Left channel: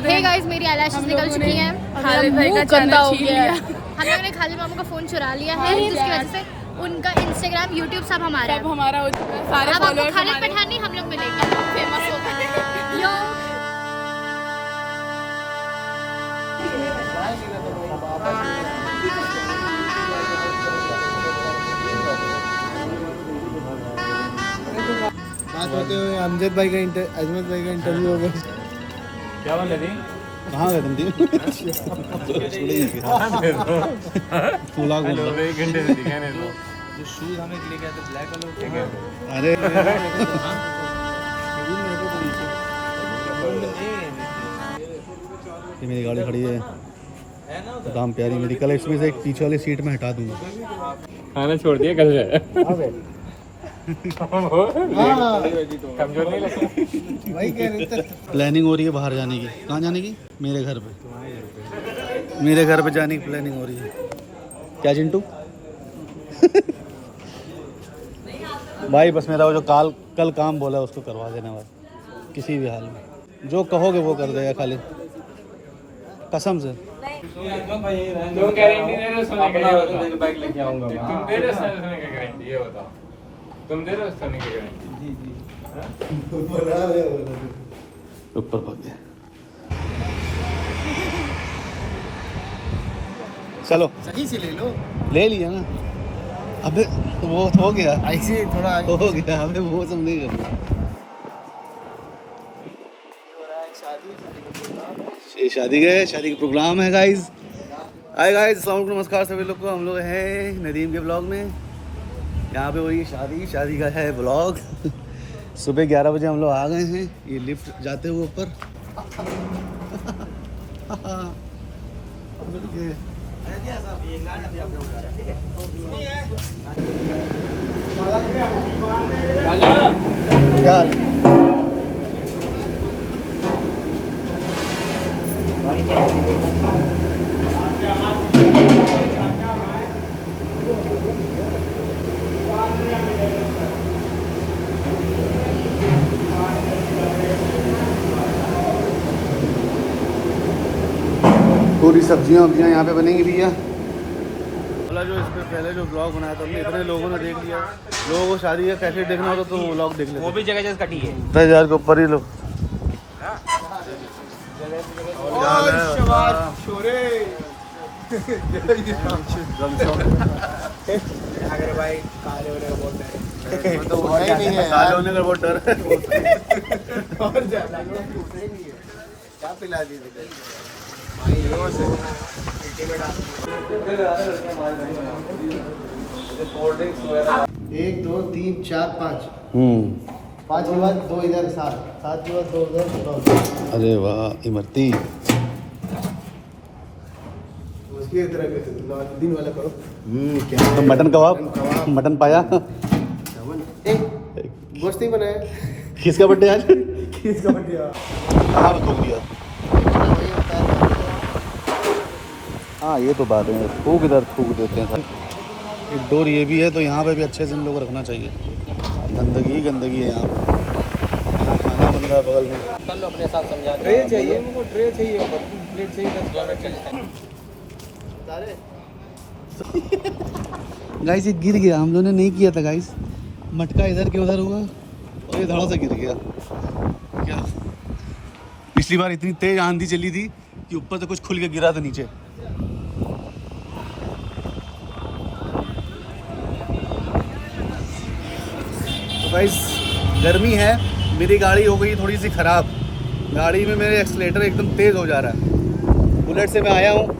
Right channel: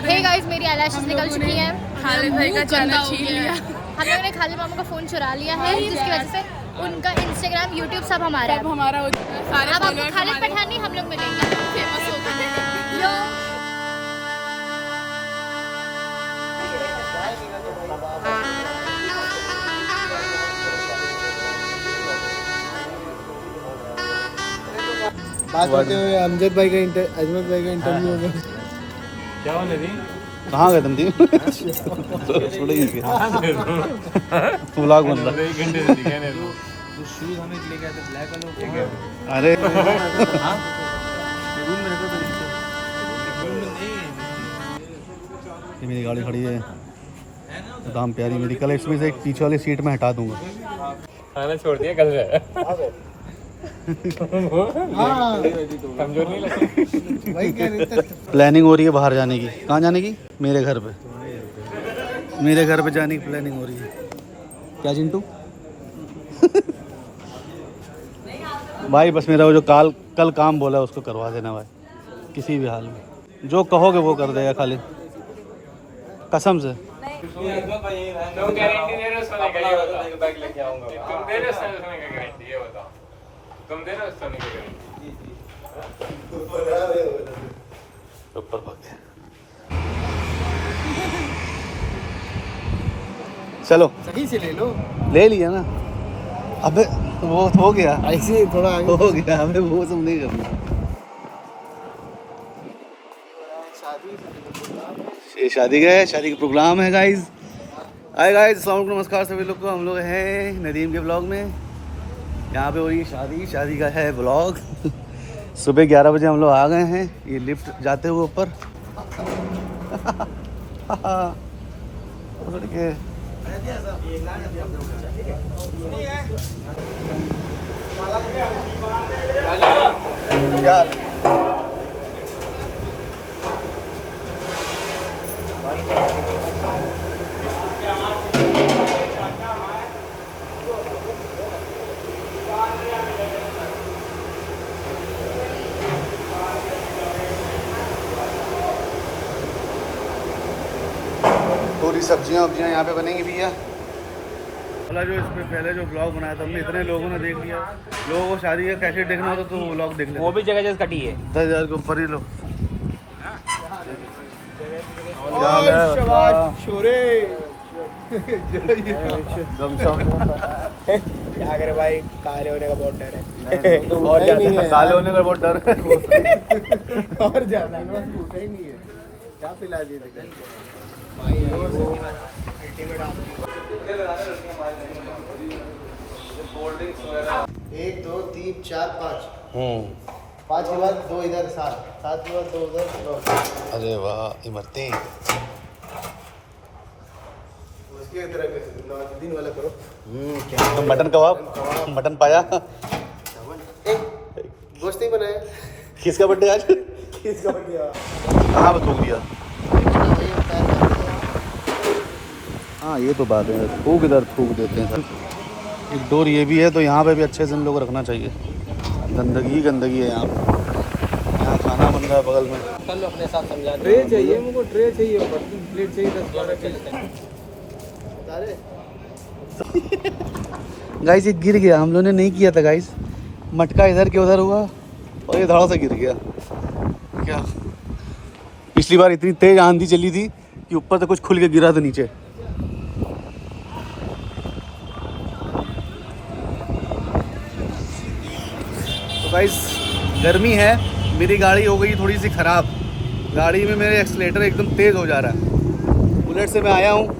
Hey guys, मेरी eyelashes निकल चुकी हैं। खालिद भाई का चैनल छीन लिया। हम लोगों ने खालिद मामू का फोन चुरा लिया है, जिसकी वजह से उनका इंस्टाग्राम, यूट्यूब सब हमारा है। सब हमारा हो चुका है। सारे अब आपको followers खालिद हमारे पठानी हम लोग मिलेंगे। फेमस हो गए हैं। यो बात करते हुए अजमत भाई का इंटरव्यू हो गया। क्या बोले थी? कहाँ गए तुम थी? व्लॉग बन रहा। 1 घंटे से दिखाने दो। जो शूज हमें लेके आए थे ब्लैक वाले, अरे ये मेरी गाड़ी खड़ी है दाम प्यारी मेरी, कल इसमें से एक पीछे वाली सीट में हटा दूंगा। खाना छोड़ दिया कल से। कमजोर नहीं लगती। प्लानिंग हो रही है बाहर जाने की। कहाँ जाने की? मेरे घर पे। मेरे घर पे जाने की प्लानिंग हो रही है। क्या चिंटू? भाई बस मेरा वो जो कल काम बोला उसको करवा देना भाई, किसी भी हाल में। जो कहोगे वो कर देगा खाली, कसम से। तुम गारंटी दे रहे हो सोने के लिए? बाइक लेके आऊंगा। तुम दे रहे हो सोने की गारंटी? ये बताओ, तुम दे रहे हो सोने की गारंटी? ऊपर पहुंच गया। चलो सही से ले लो। ले लिया ना। अबे तो वो हो गया, ऐसे थोड़ा आगे हो गया। हमें वो सब नहीं करता। ये शादी का है, शादी का प्रोग्राम है गाइज। हाय गाइज, अस्सलाम वालेकुम, नमस्कार सभी लोग को। हम लोग हैं नदीम के ब्लॉग में। यहाँ पे हो रही है शादी का है ब्लॉग। सुबह 11 बजे हम लोग आ गए हैं। ये लिफ्ट जाते हुए ऊपर। क्या पूरी सब्जियां यहाँ पे बनेंगी भैया। वाला जो इस पे पहले जो ब्लॉग बनाया था हमने, इतने लोगों ने देख लिया। लोगों को शादी का कैसे देखना होता तो वो ब्लॉग देख लेते। वो भी जगह जगह कटी है। 10,000 के ऊपर ही लो। छोरे क्या करे भाई, काले होने का बहुत डर है। और ज्यादा काले होने का बहुत डर है। और ज्यादा ही नहीं है। क्या पिला दी तुझे भाई? 1 2 3 4 5 5 इधर 2 इधर 7 7 2 उधर। अरे वाह इमरती। उसकी तरह दिन वाला करो। क्या तो मटन कबाब, मटन पाया। मस्त ही बनाया। किसका बर्थडे आज? किसका बढ़िया कहाँ पे थूक दिया? हाँ ये तो बात है, थूक इधर थूक देते हैं। एक डोर ये भी है तो यहाँ पे भी अच्छे से इन लोग को रखना चाहिए। गंदगी है यहाँ पे। यहाँ खाना बन रहा है बगल में। ट्रे चाहिए मुझको, ट्रे चाहिए, प्लेट चाहिए 10 12 प्लेट। गाइस ये गिर गया, हम लोगों ने नहीं किया था गाइस। मटका इधर के उधर हुआ और ये धड़ाम से गिर गया। क्या पिछली बार इतनी तेज आंधी चली थी कि ऊपर से कुछ खुल के गिरा था नीचे। गाइस गर्मी है, मेरी गाड़ी हो गई थोड़ी सी ख़राब। गाड़ी में मेरे एक्सीलेटर एकदम तेज़ हो जा रहा है। बुलेट से मैं आया हूँ,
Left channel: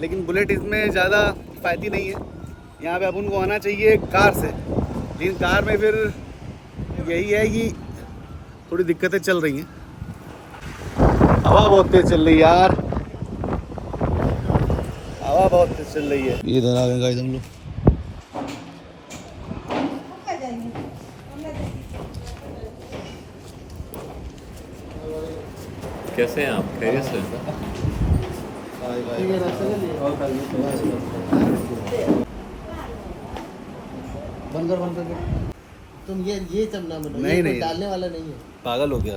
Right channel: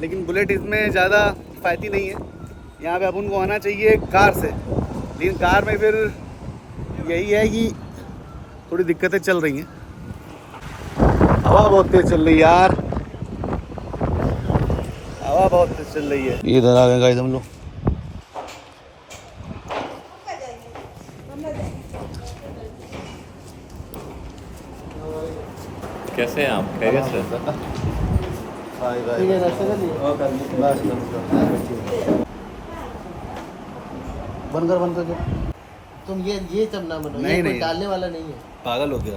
लेकिन बुलेट इसमें ज़्यादा किफ़ायती नहीं है। यहाँ पे अपन को आना चाहिए कार से, लेकिन कार में फिर यही है कि थोड़ी दिक्कतें चल रही हैं। हवा बहुत तेज़ चल रही है यार, हवा बहुत तेज़ चल रही है। इधर आ गए गाइस हम लोग। कैसे हैं आप? खैरियत से? बंद कर। तुम ये तब ना बनो, नहीं, ये कोई नहीं। डालने वाला नहीं है। पागल हो गया।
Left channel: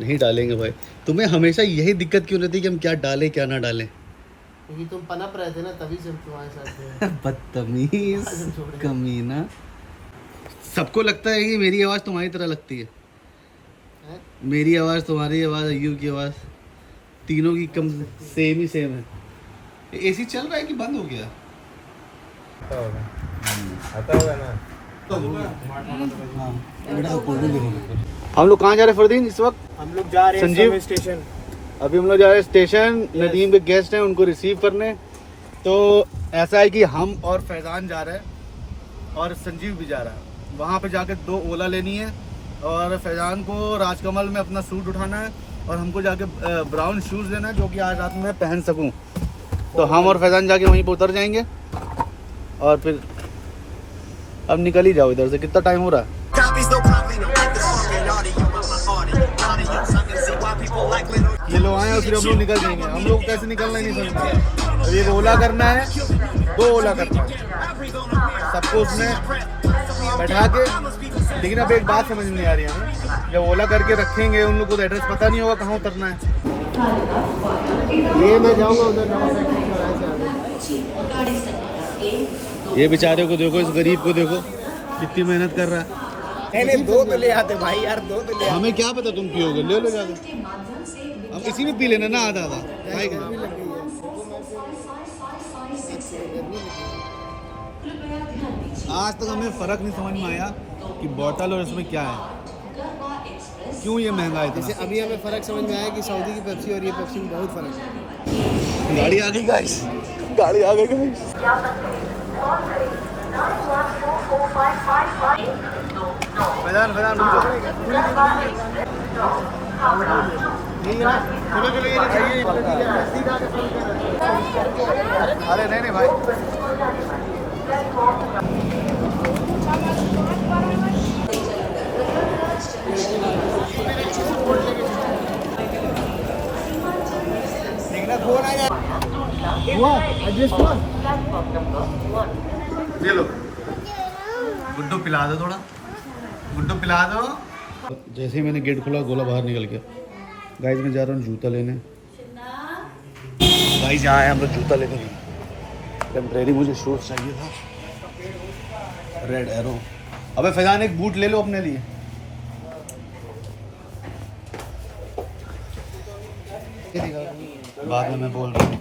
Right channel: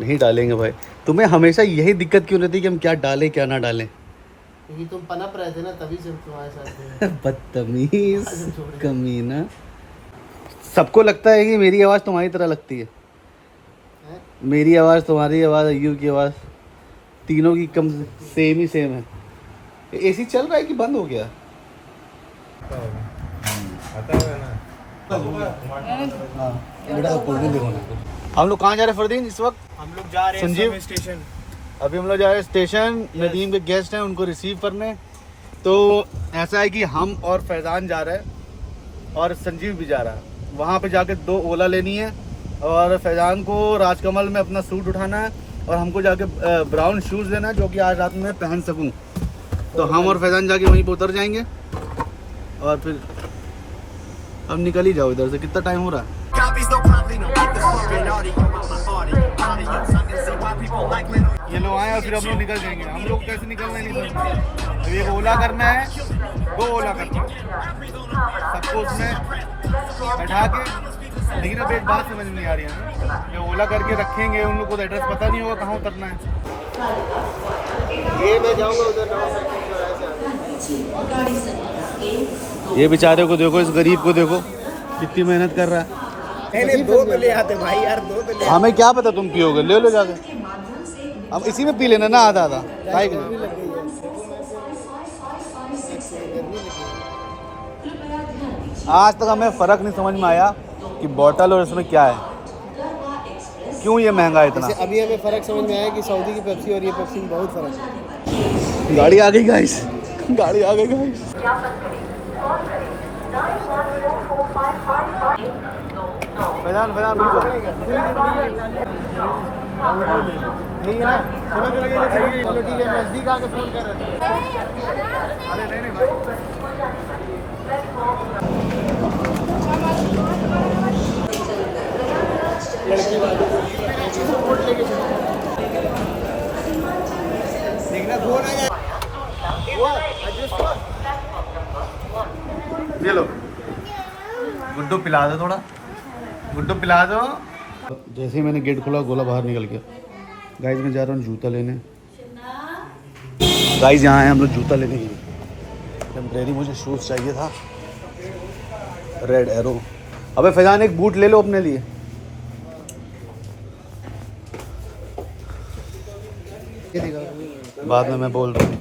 नहीं डालेंगे भाई। तुम्हें हमेशा यही दिक्कत क्यों रहती है कि हम क्या डालें क्या ना डालें? क्योंकि तुम पनप रहे थे ना, तभी से तुम्हारे साथ थे। बदतमीज कमीना। सबको लगता है कि मेरी आवाज़ तुम्हारी तरह लगती है। मेरी आवाज़, तुम्हारी आवाज़, अय्यूब की आवाज़, तीनों की कम सेम ही सेम है। एसी चल रहा है कि बंद हो गया? हम लोग कहाँ जा रहे हैं फरदीन इस वक्त? हम लोग जा रहे संजीव स्टेशन। अभी हम लोग जा रहे हैं स्टेशन, नदीम के गेस्ट हैं उनको रिसीव करने। तो ऐसा है कि हम और फैज़ान जा रहे हैं और संजीव भी जा रहा है। वहाँ पे जाके 2 ओला लेनी है और फैज़ान को राजकमल में अपना सूट उठाना है और हमको जाके ब्राउन शूज़ लेना है जो कि आज रात में पहन सकूँ। तो हम और फैज़ान जाके वहीं पर उतर जाएंगे और फिर अब निकल ही जाओ इधर से। कितना टाइम हो रहा है? ये लोग आए और फिर हम लोग निकल जाएंगे। हम लोग कैसे निकलना ही नहीं समझते। अब एक ओला करना है, 2 ओला करना है सबको उसमें बैठा के। लेकिन अब एक बात समझ में नहीं आ रही है, जब ओला करके रखेंगे उन लोग को तो एड्रेस पता नहीं होगा कहाँ उतरना है। ये मैं जाऊँगा उधर। ये बेचारे को देखो, इस गरीब को देखो कितनी मेहनत कर रहा है। नहीं 2 तो ले आते भाई यार, 2 तो ले। हमें क्या पता तुम पियोगे, ले लो जाके। अब इसी में पी लेना ना आधा आधा। आज तक हमें फ़र्क नहीं समझ में आया कि बोतल और इसमें क्या है, क्यों ये महंगा है इतना। जैसे अभी हमें फ़र्क समझ में आया कि सऊदी की पेप्सी और ये पेप्सी में बहुत फ़र्क है। गाड़ी आ गई गाइस। फैज़ान रुक जाओ। अरे नहीं भाई। ये लो गुड्डू पिला दो, थोड़ा गुड्डू पिला दो। जैसे ही मैंने गेट खोला गोला बाहर निकल गया। गाइस मैं जा रहा हूँ जूता लेने। गाइस यहाँ आए हम लोग जूता लेने के लिए। टेम्परेरी मुझे शूज़ चाहिए था, रेड एरो। अबे फैज़ान एक बूट ले लो अपने लिए। बाद में मैं बोल रहा हूँ।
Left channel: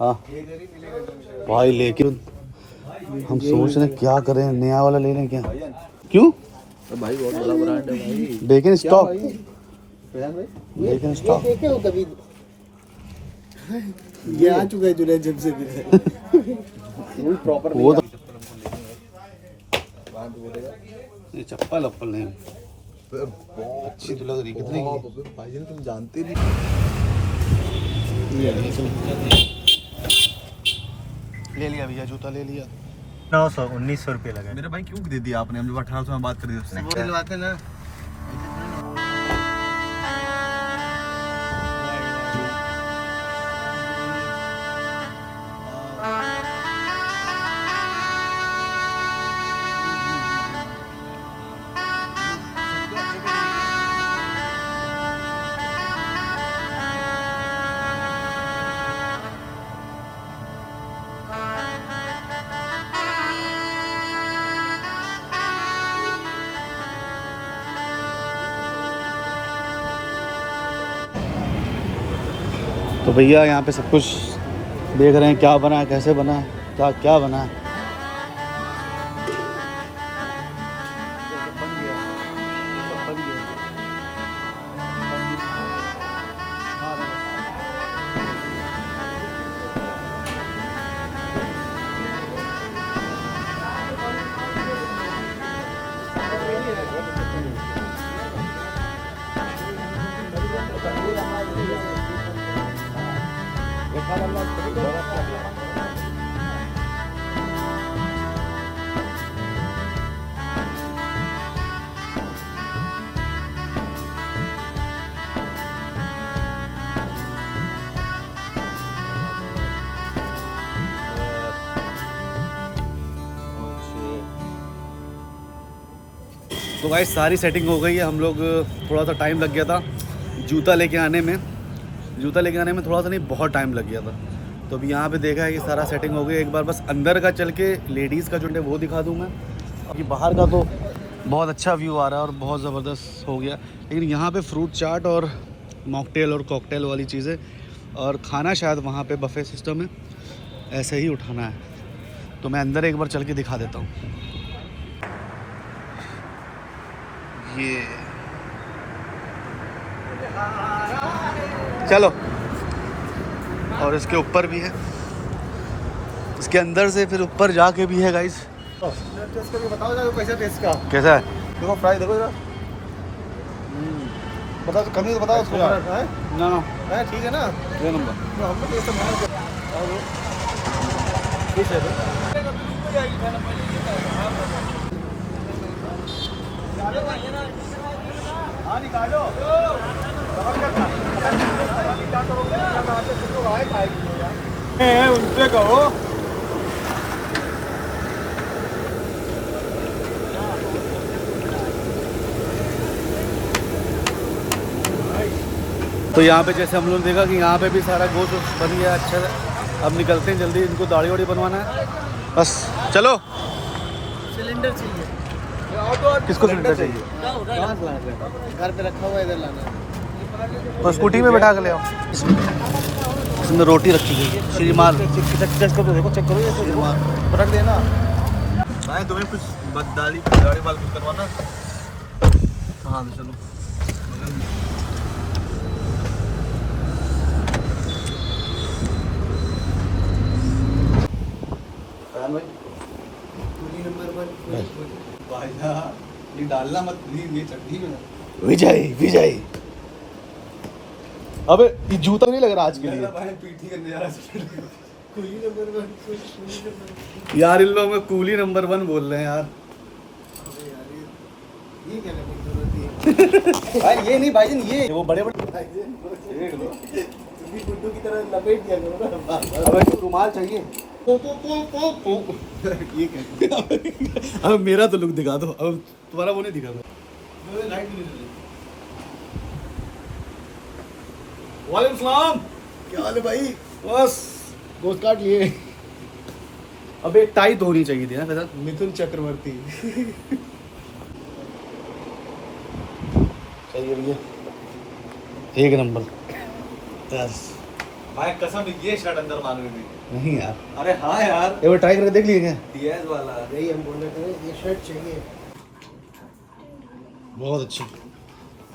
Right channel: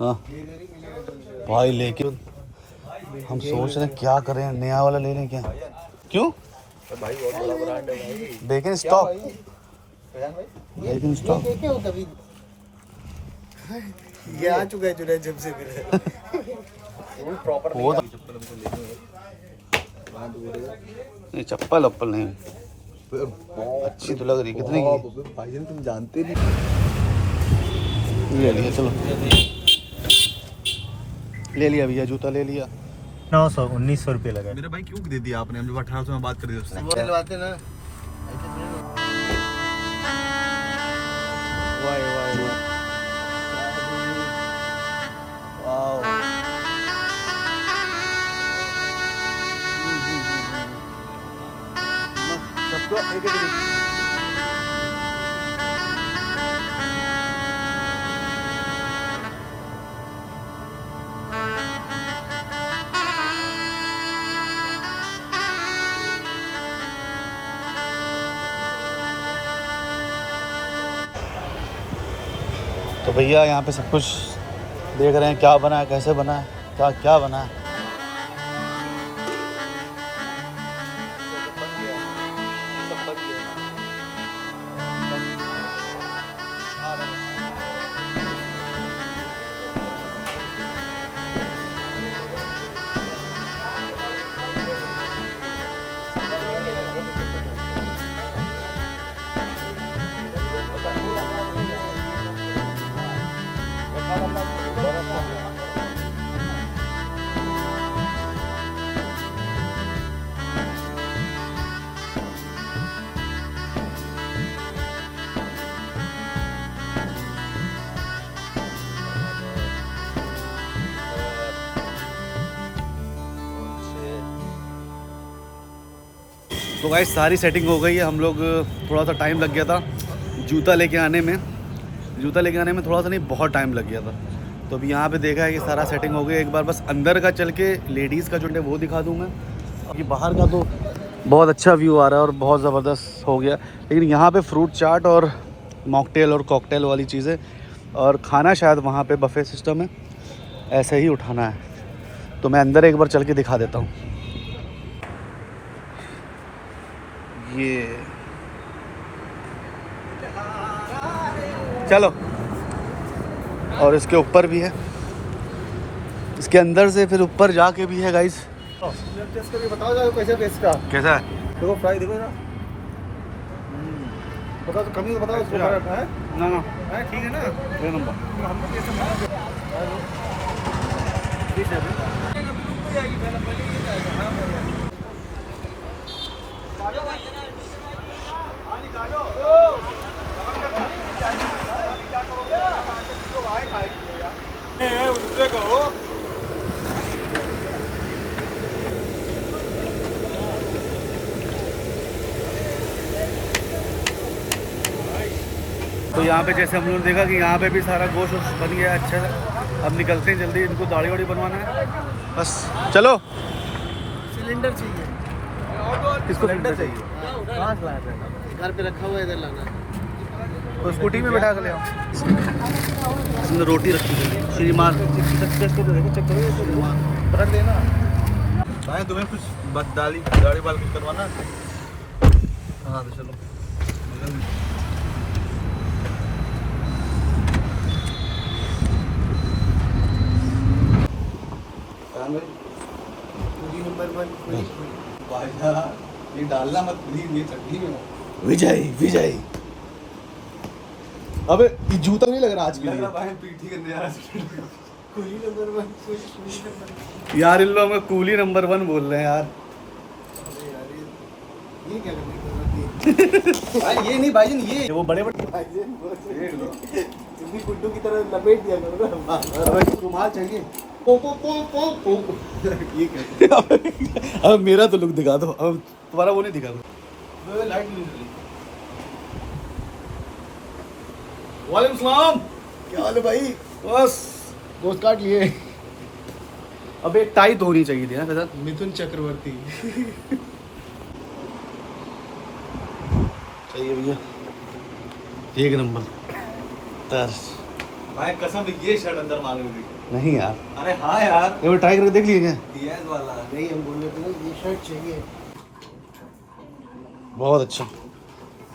हाँ भाई, लेकिन हम सोच रहे क्या करें, नया वाला ले लें क्या? क्यों? लेकिन स्टॉक, लेकिन स्टॉक ये आ चुका है जुनैद जब से भी। वो तो नहीं, चप्पल वप्पल नहीं, अच्छी तो लग रही। कितने की? भाईजान तुम जानते नहीं। ले लिया, चलो ले लिया भैया, जूता ले लिया। 1900 रुपये लगा। मेरे भाई क्यों दे दिया आपने? हम जब 1800 में बात करी उसने। वो दिलवाते ना। तो भैया यहाँ पे सब कुछ देख रहे हैं, क्या बना है, कैसे बना है, क्या क्या बना है। तो गाइस सारी सेटिंग हो गई है। हम लोग थोड़ा सा टाइम लग गया था जूता लेके आने में थोड़ा सा नहीं, बहुत टाइम लग गया था। तो अभी यहाँ पे देखा है कि सारा सेटिंग हो गई। एक बार बस अंदर का चल के लेडीज़ का जो है वो दिखा दूँगा। अभी बाहर का तो बहुत अच्छा व्यू आ रहा है और बहुत ज़बरदस्त हो गया। लेकिन यहाँ पे फ्रूट चाट और मॉकटेल और कॉकटेल वाली चीज़ें और खाना शायद वहाँ पे बफे सिस्टम है, ऐसे ही उठाना है। तो मैं अंदर एक बार चल के दिखा देता हूँ। ये चलो, और इसके ऊपर भी है, इसके अंदर से फिर ऊपर जाके भी है गाइस। टेस्ट करके बताओ जरा कैसा टेस्ट का। कैसा है? देखो फ्राई देखो जरा। बताओ कमी तो बताओ उसको यार। है ना है ठीक है ना। ये नंबर तो हम लोग ऐसा मना कर आओ ठीक है। उनसे कहो तो यहाँ पे जैसे हम लोगों ने देखा कि यहाँ पे भी सारा गोश्त बन गया अच्छा सा। अब निकलते हैं जल्दी, इनको दाढ़ी वाड़ी बनवाना है बस। चलो, सिलेंडर चाहिए। किसको सिलेंडर चाहिए? कहाँ से लाना है? घर पे रखा हुआ है, इधर लाना है। तो स्कूटी में बैठा कर ले आओ। इसमें रोटी रखी गई श्रीमान। चेक करो, देखो चेक करो श्रीमान रख देना। भाई तुम्हें कुछ दाढ़ी बाल कुछ करवाना? हाँ तो चलो। पूरी नंबर 1 भाई ये डालना मत प्लीज, ये चटनी में विजय। अबे ये जूता नहीं लग रहा आज के लिए। पीठी करने जा रहा पूरी नंबर 1 यार इन लोगों में कूली नंबर 1 बोल रहे हैं यार। ये क्या करने की जरूरत थी? भाई ये नहीं भाईजान, ये वो बड़े देख लो तुम्ही गुड्डू की तरह लपेट दिया करो ना। अब रुमाल चाहिए। ये क्या अब मेरा तो लुक दिखा दो, अब तुम्हारा वो नहीं दिखा दो। लाइट नहीं चली। वालेकुम सलाम। क्या हाल है भाई? बस गोश्त काट लिए। अब एक टाई तो होनी चाहिए थी ना के साथ। मिथुन चक्रवर्ती। सही है भैया, एक नंबर। तर्स भाई कसम ये शर्ट अंदर मालूम थी। नहीं यार, अरे हाँ यार एक बार ट्राई करके देख लिए क्या? डीएस वाला नहीं, हम बोल रहे थे ये शर्ट चाहिए। बहुत अच्छा,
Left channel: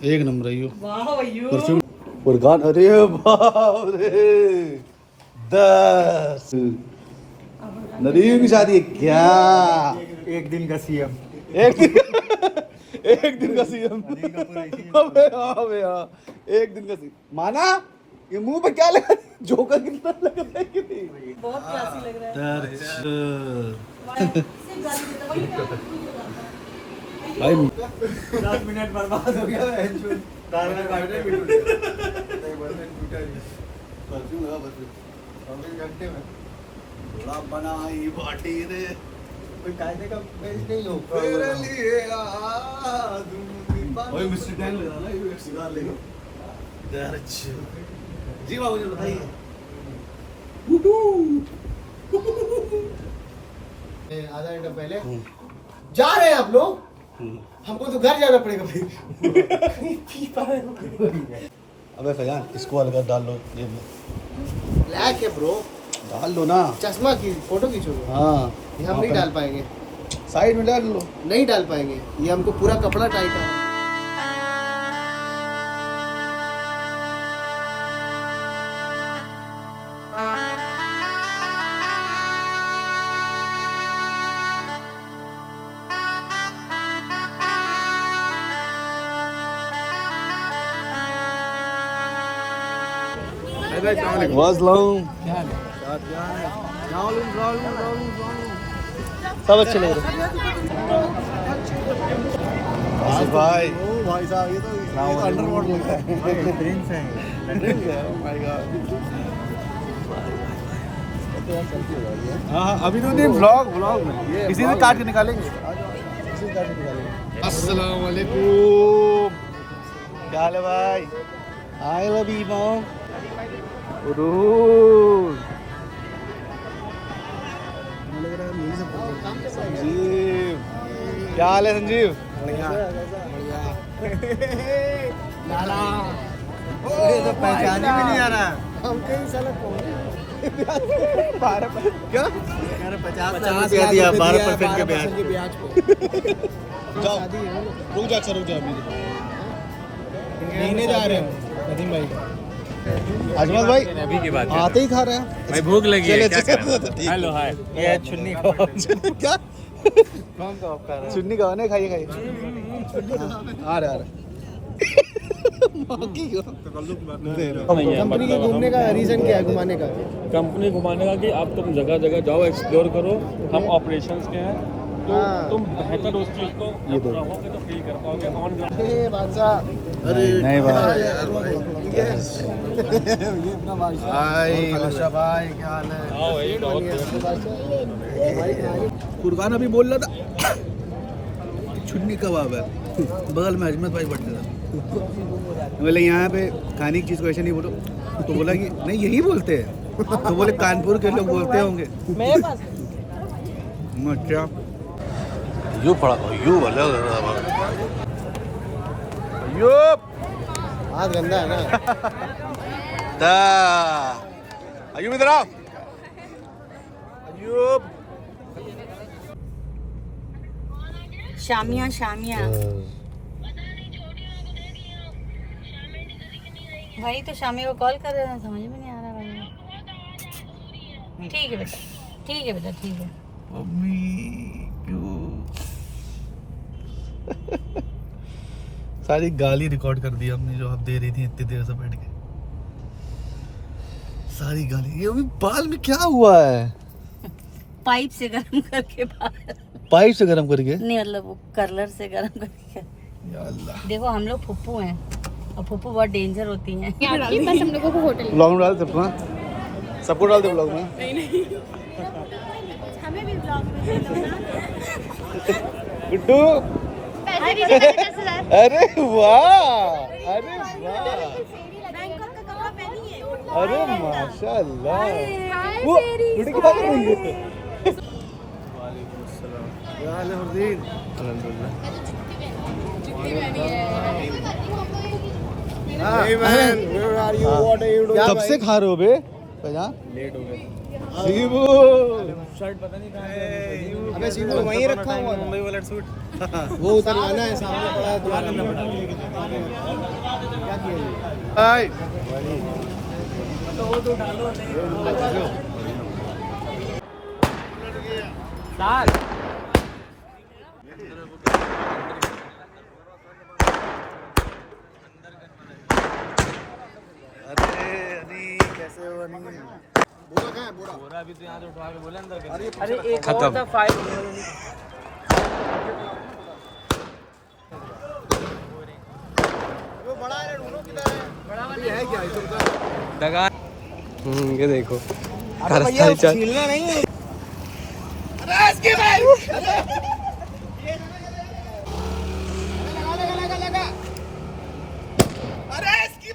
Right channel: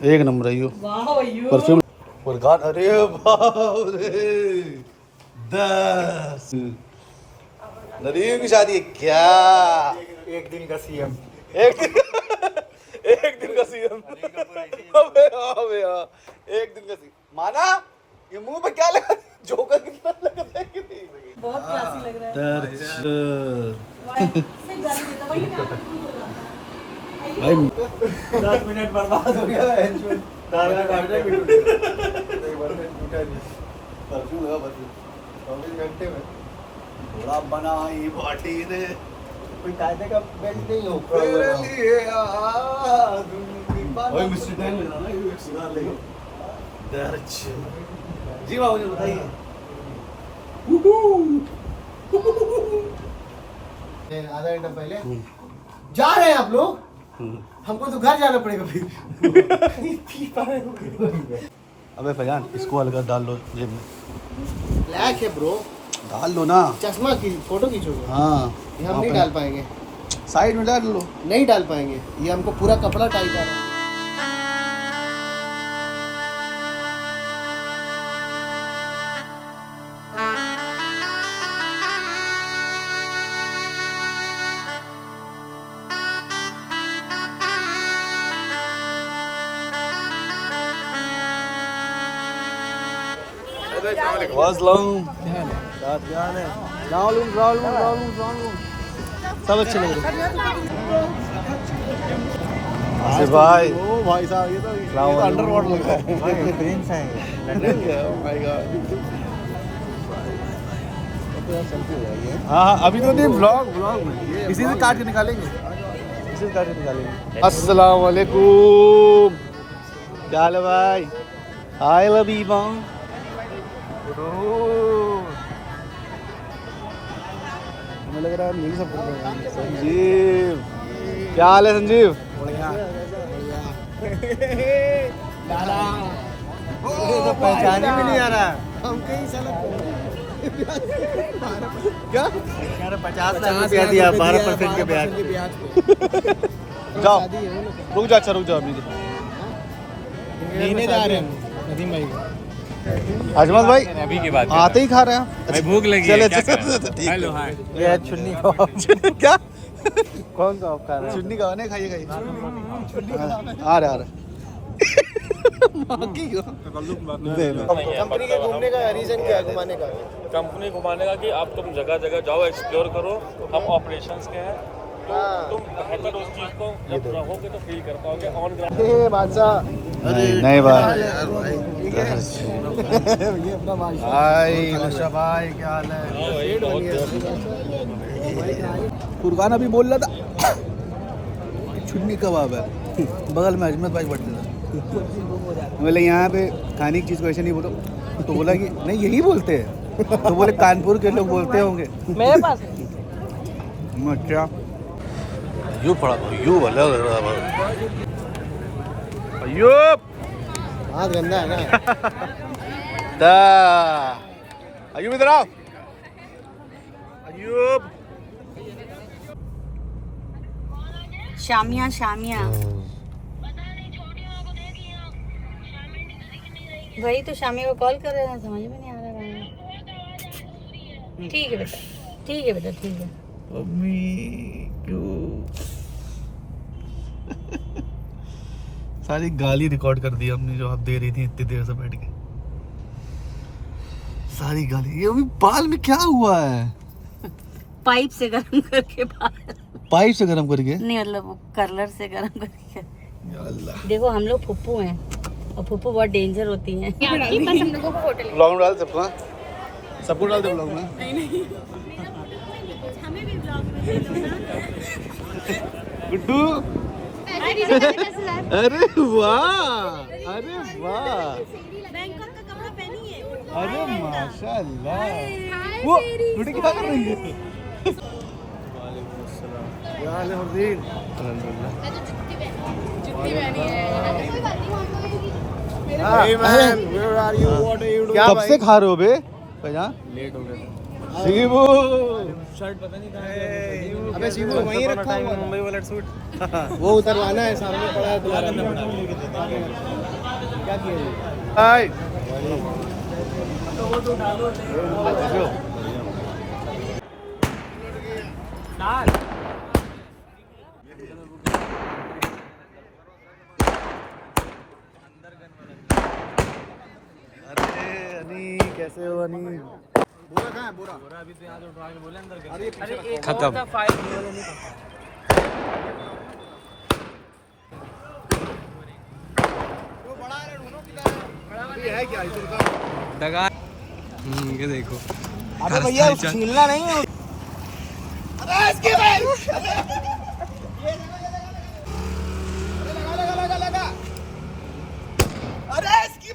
एक नंबर है यो। परफ्यूम और गान। अरे बाप रे, 10 नदीम की शादी है क्या? एक दिन का सीएम। एक दिन का सीएम। अबे हाँ, एक दिन का सीएम माना। ये मुंह पे क्या लगा? जोकर कितना लगता है कि नहीं? बहुत क्लासी लग रहा है। भाई 10 मिनट बर्बाद हो गया। तारा काट रहे नहीं बंदे टूटा नहीं। परफ्यूम लगा, परफ्यूम 24 घंटे में थोड़ा बनाई बाटी ने कोई कायदे का बेल्ट नहीं हो। तेरे लिए आदमी। ओए मिस्टर टैंग लग रहा ना, ये एक सिगार लेके। दर्ज जी बाबू जी बताइए। आधा घंटा पहले जा रहे हैं आप लोग, हमको तो घर जाना पड़ेगा फिर। अबे फैजान इसको अलग डाल लो जेब में। ब्लैक है ब्रो, डाल लो ना। चश्मा की फोटो खींचोगे? हाँ ये हम नहीं डाल पाएंगे। साइड में डाल लो। नहीं डाल पाएंगे, ये हमको पूरा कपड़ा टाइट है। सब अच्छे लग रहे आसिफ भाई। ओ भाई साहब ये तो अंडरवर्ल्ड लग रहा है। प्रिंस है। Oh my God. हाँ अभी तो नहीं, व्लॉग में इसी से काट के निकालेंगे। अस्सलाम वालेकुम, क्या हाल है भाई? हाय लबीबा, हमें लग रहा है नहीं सब संजीव, क्या हाल है संजीव? बढ़िया लाला, तो पहचान ही नहीं आ रहा। हम कहीं साला क्या 50 दिया 12% के ब्याज पे। जाओ रुक जा, अच्छा रुक जाओ, लेने जा रहे हैं नदीम भाई। अजमल भाई अभी की बात आते ही खा रहे हैं भाई, भूख लगी है, चलो, क्या चलो, करें? चलो, ठीक है। Hello hi. ये चुन्नी कबाब क्या कौन सा आप खा रहे हैं? चुन्नी कबाब नहीं खाइए खाइए। आ रहा कंपनी के घूमने का रीजन क्या है, घुमाने का? कंपनी घुमाने का कि आप तुम जगह जगह जाओ, एक्सप्लोर करो, हम ऑपरेशंस के हैं, तो तुम बेहतर उस चीज़ को होते तो फील कर पाओगे ऑन ग्राउंड। अरे नहीं भाई, हाय मुशा भाई, क्या हाल है? फुरकान अभी बोल रहा था चुन्नी कबाब है, बगल में अजमत भाई बैठे थे। बोले यहाँ पे खाने की चीज़ को ऐसे नहीं बोलो, तो बोला कि नहीं यही बोलते हैं, तो बोले कानपुर के लोग बोलते होंगे मेरे पास। अच्छा यू पड़ा यू बोले अयूब, हाथ गंदा है ना। अयूब इधर आओ, अयूब शामिया शामिया भाई, तो शामिया को कॉल कर रहे हैं, समझ में नहीं आ रहा है। ठीक है बेटा, ठीक है बेटा, ठीक है। मम्मी क्यों सारी गाली रिकॉर्ड कर दी हमने जो आप दे रही थी इतनी देर से बैठ के, सारी गाली। ये अभी बाल में क्या हुआ है? पाइप से गर्म करके बाहर, पाइप से गर्म करके? नहीं मतलब वो कर्लर से गर्म करके। या अल्लाह, देखो हम लोग फुप्पू हैं और फुप्पू बहुत डेंजर होती हैं। बस हम लोगों को होटल ब्लॉग में डाल सकते हैं, सबको डाल दे ब्लॉग में। हमें भी ब्लॉग में दे दो ना। गुड्डू, अरे वाह, अरे वाह, बैंकॉक का कपड़ा पहनी है। अरे माशाल्लाह। वो गुड्डू क्या कर रही है? वालेकुम अस्सलाम, क्या हाल है हरदीन? अल्हम्दुलिल्लाह। कब से खा रहे हो बे? लेट हो गया था। शिबू शर्ट पता नहीं कहाँ अबे शिबू वहीं रखा हुआ है। मुंबई वाला सूट वो उतरवाना है, सामने पड़ा है तुम्हारा। क्या किया? हाय अरे अनी कैसे हो अनी? बोरा कहाँ है बोरा? अभी तो यहाँ से उठवा के बोले अंदर अरे ये पीछे रखा हुआ खत्म। है। बड़ा है रूमों की तरह है। अभी है क्या इस का? दगा ये देखो अरे भैया छीलना नहीं है। अरे इसके भाई लगा। अरे इसकी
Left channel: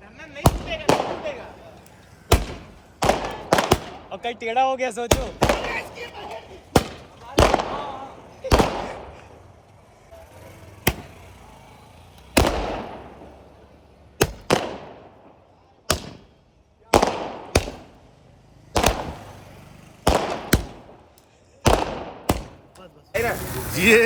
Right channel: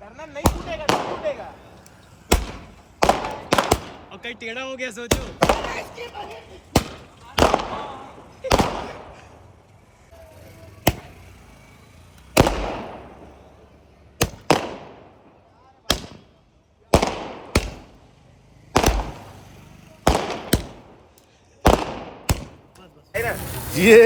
धरना नहीं टूटेगा। और कहीं टेढ़ा हो गया सोचो। ये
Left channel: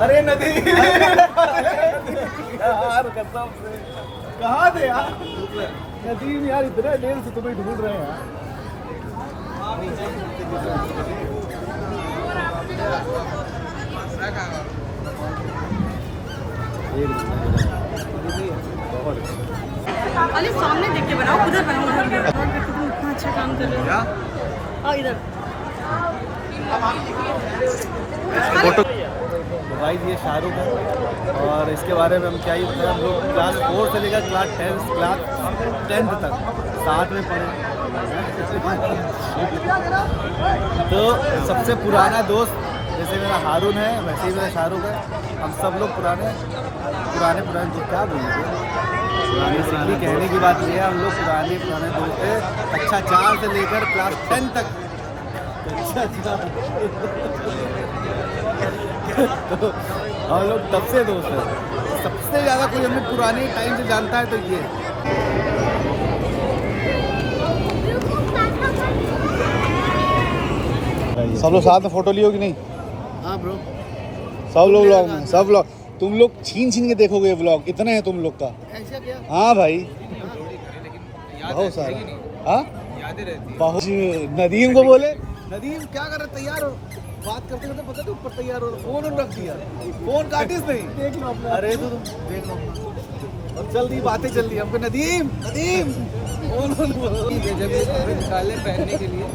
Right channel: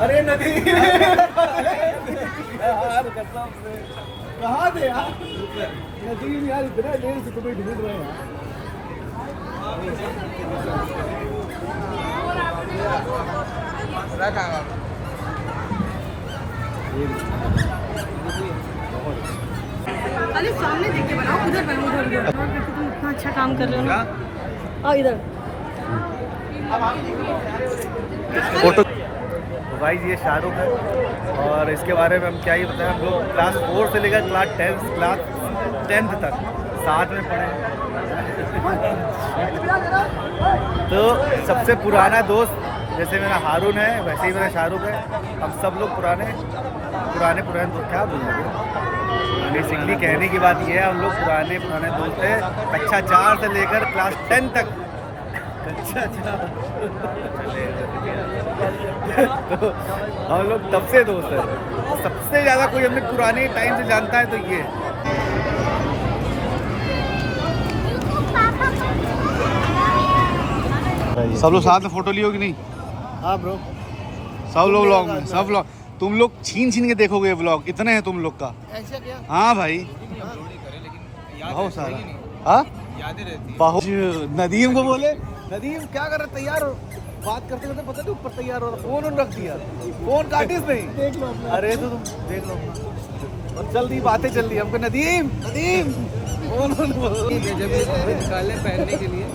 अरे नदी यार कसम से कहाँ थे यार? नदीम यार इतने देर से तुम्हें ढूंढ रहे हैं यार। अरे सामने देख के बनाओ, उधर बनाओ, उधर तुम इतना अच्छा काम कर रहे हो। और इधर फोटो। तो भाई ये शाहरुख है, और इसके बारे में हम क्या ही बताएं, हम लोग क्लास 4 से लेकर क्लास 10th तक साथ में पढ़े। तो सबसे पुराना दोस्त जैसे मेरा हारून है वैसे ही मेरा शाहरुख है। हम सब लोग पुराने दोस्त, क्या बोल रहे थे, बेसिकली कहने की बात ये है हम लोग पुराने दोस्त थे कक्षा 4 से लेकर क्लास 10 तक। कक्षा 4 तो हम लोग तब से दोस्त हैं। सबसे ज़्यादा कोई हमें पुराने टाइम से जानता है तो ये सब लोग साथ में फोटो लियो कि नहीं? हाँ ब्रो, सब लोग व्लॉग में, सब लोग तुम लोग छीन के देखोगे ये व्लॉग, इतने हैं तुम लोग का। ऐसा क्या? हाँ भाई बहुत सारा। हाँ बहुत। नदीम को बोले, नदीम क्या कर रहे, तैयार हो? बात करते करते पता नहीं ऊपर तैयार हो रहा, फोन रख दिया, फोन काटिस नहीं। देख लो अपना। अरे तो तुम देख लो और जल्दी बातें चल रही हमको। नदीम फोन जब निकाले पहनने के लिए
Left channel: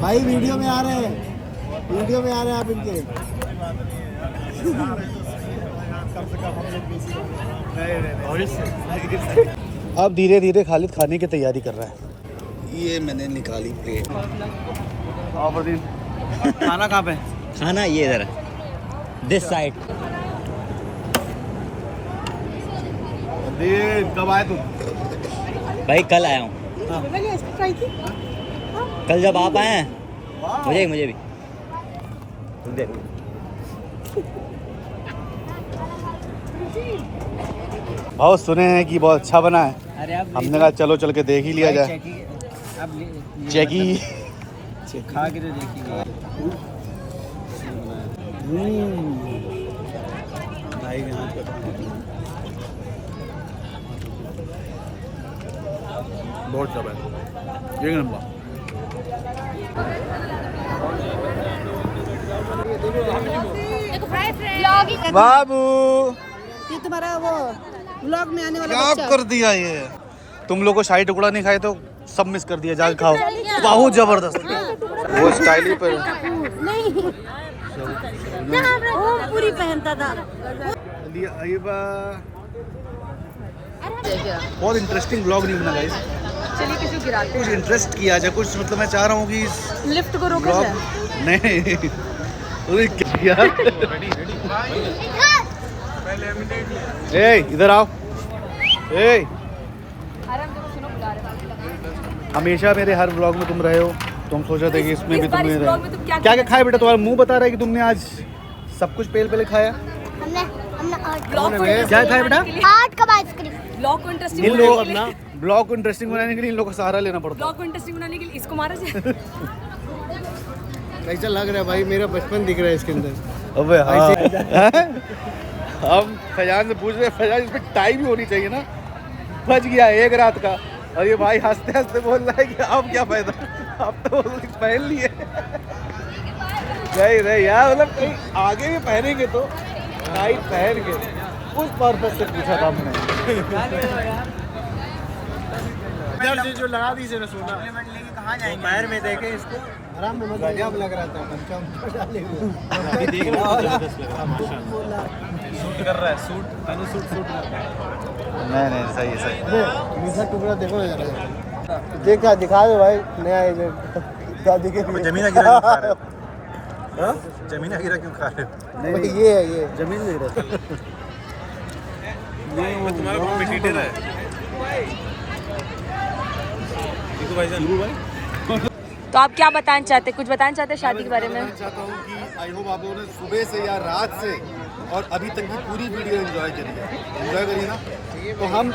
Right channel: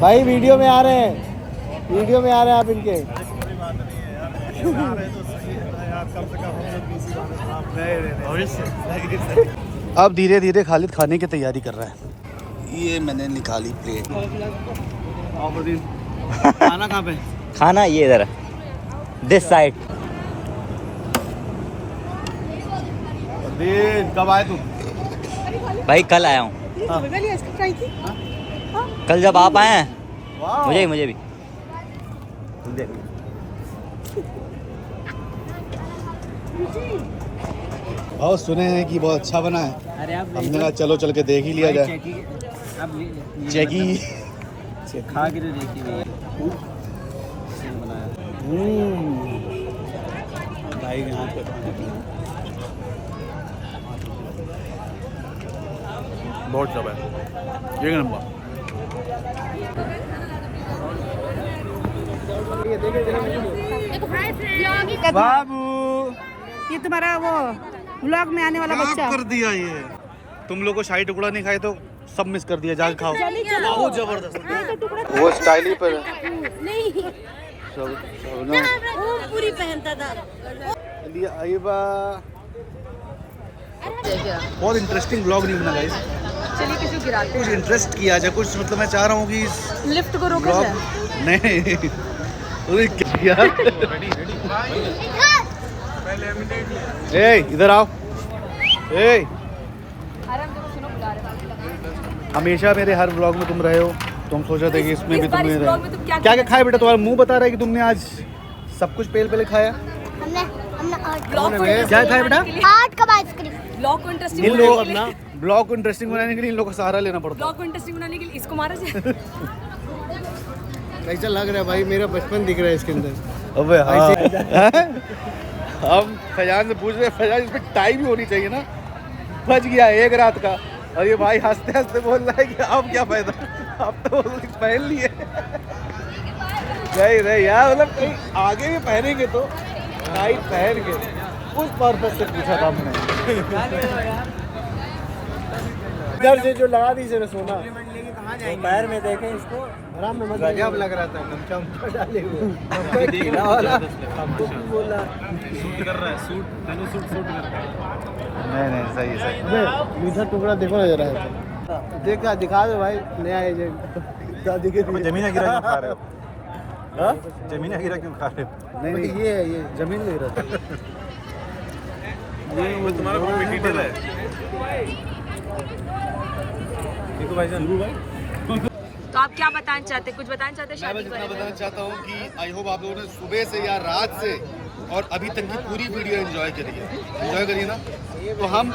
भाई वीडियो में आ रहे हैं, आप इनके। अब धीरे धीरे खालिद खाने की तैयारी कर रहा है। ये मैंने निकाली प्लेट। खाना कहाँ पे? खाना ये इधर दिस साइड। कब आए तुम? भाई कल आया हूँ। कल जब आप आए हैं मुझे भी बहुत सुने हैं कि बहुत अच्छा बना है। अरे आप हमने कहा चलो चल के देख ही लिया जाए। चेकी खा के लिखी हुई है। भाई यहाँ पे बहुत सब है, एक नंबर। बाबू ये तुम्हारा वो व्लॉग में आने वाला क्या बच्चा। कर दिया ये? तुम लोग को शाही टुकड़ा नहीं खाए तो सब मिस कर दिया, जाके खाओ। बहुत जबरदस्त वो स्टाइल ही पर वो पूरी पहनता था। बहुत इंटरेस्टिंग ब्लॉग नहीं बना गाइस। चलिए किसी को गिराते कुछ इंटरेस्ट किया जाए, कुछ मतलब मैं चाह रहा हूँ कि इस लिफ्ट को रोका ब्लॉग जाए। नहीं अरे क्या ए इधर आओ। ए हमेशा मेरे हर ब्लॉग में तुम रहे हो, तुम सोचा थे कि इसमें भी तुम रहे। क्या क्या खाए बेटा? तुम्हारा मुंह बता रहा है कि तुमने आज सब कुछ पहले खाया। क्या खाया बेटा? ब्लॉग को इंटरेस्टिंग इन लोग अपना ब्लॉग को इंटरेस्टिंग बनाने के लिए इन लोग का सहारा लेना पड़ता है। ब्लॉग को इंटरेस्टिंग बनाने के लिए इसको मारा जाए। कैसा लग रहा है भाई? मेरा बचपन दिख रहा है इसके अंदर। अबे हाँ हम फैजान से पूछ रहे, फैजान इसमें टाइम ही होनी चाहिए ना, बच गया 1 रात का। और ये भाई हंसते हंसते बोल रहा है कि अब क्या फायदा, अब तो पहन लिए। नहीं यार, मतलब कहीं आगे भी पहनेंगे तो टाइट पहन के, उस पर्पज से पूछा था हमने। इधर से जो लगा दी से सोना पैर में देखे इसको आराम में गजब लग रहा था। गमछा डाले हुए हमको भी बोला सूट नहीं सही सही। अबे मीठा टुकड़ा देखो ना जरा, देखा दिखा दो भाई नया एजेंट। दादी के जमीन गिरा क्यों खा रहे हो? जमीन गिरा क्यों खा रहे हो? नहीं ये है ये जमीन ले रहा था। ये वो तुम्हारा मीटिंग पे है। तो आप क्या बताना चाहते, कुछ बताना चाहते शादी के बारे में? बताना चाहता हूँ कि आई होप आप लोगों ने सुबह से या रात से और अभी तक की पूरी वीडियो एंजॉय करिए ना। तो हम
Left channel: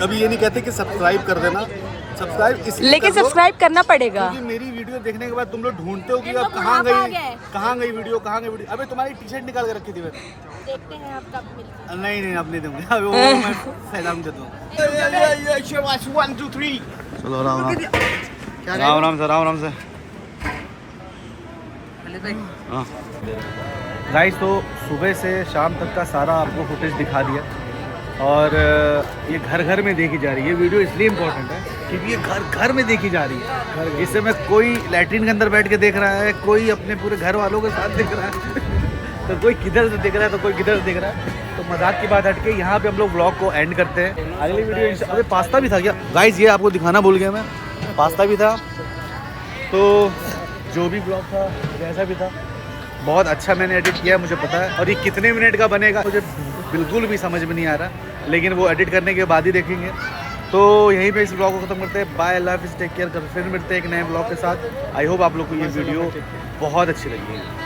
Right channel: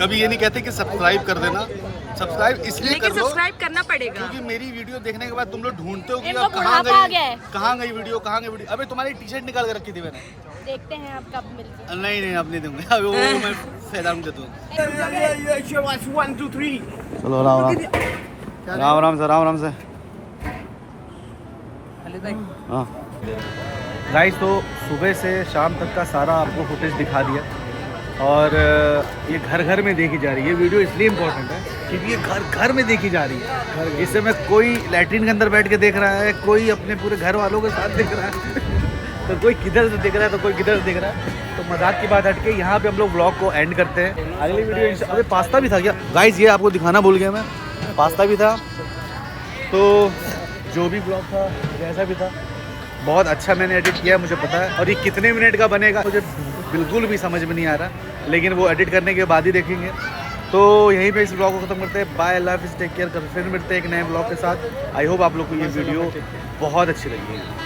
कभी ये नहीं कहते कि सब्सक्राइब कर देना, सब्सक्राइब इसलिए लेकिन कर लो सब्सक्राइब करना पड़ेगा, क्योंकि मेरी वीडियो देखने के बाद तुम लोग ढूंढते हो कि अब कहाँ गई वीडियो। अबे तुम्हारी टी शर्ट निकाल के रखी थी मैंने। देखते हैं आप कब मिलते हैं। नहीं अब नहीं दूंगा, अभी वो मैं फैजान दे दूँ। चलो राम से। हाँ गाइस, तो सुबह से शाम तक का सारा आपको फुटेज दिखा दिया। और ये घर घर में देखी जा रही है। ये वीडियो इसलिए इम्पोर्टेंट है क्योंकि ये घर घर में देखी जा रही है। इस समय कोई लैट्रिन के अंदर बैठ के देख रहा है, कोई अपने पूरे घर वालों के साथ देख रहा है तो कोई किधर से देख रहा है तो कोई किधर से देख रहा है। तो मजाक की बात हट के यहाँ पे हम लोग व्लॉग को एंड करते हैं। अगली वीडियो अरे पास्ता भी था क्या गाइज, ये आपको दिखाना भूल गया मैं, पास्ता भी था। तो जो भी ब्लॉग था जैसा भी था बहुत अच्छा मैंने एडिट किया, मुझे पता है। और ये कितने मिनट का बनेगा मुझे बिल्कुल भी समझ में नहीं आ रहा, लेकिन वो एडिट करने के बाद ही देखेंगे। तो यहीं पे इस ब्लॉग को ख़त्म करते हैं। बाय, अल्लाह हाफिज़, टेक केयर कर, फिर मिलते हैं एक नए ब्लॉग के साथ। आई होप आप लोग को ये वीडियो बहुत अच्छी लगी है।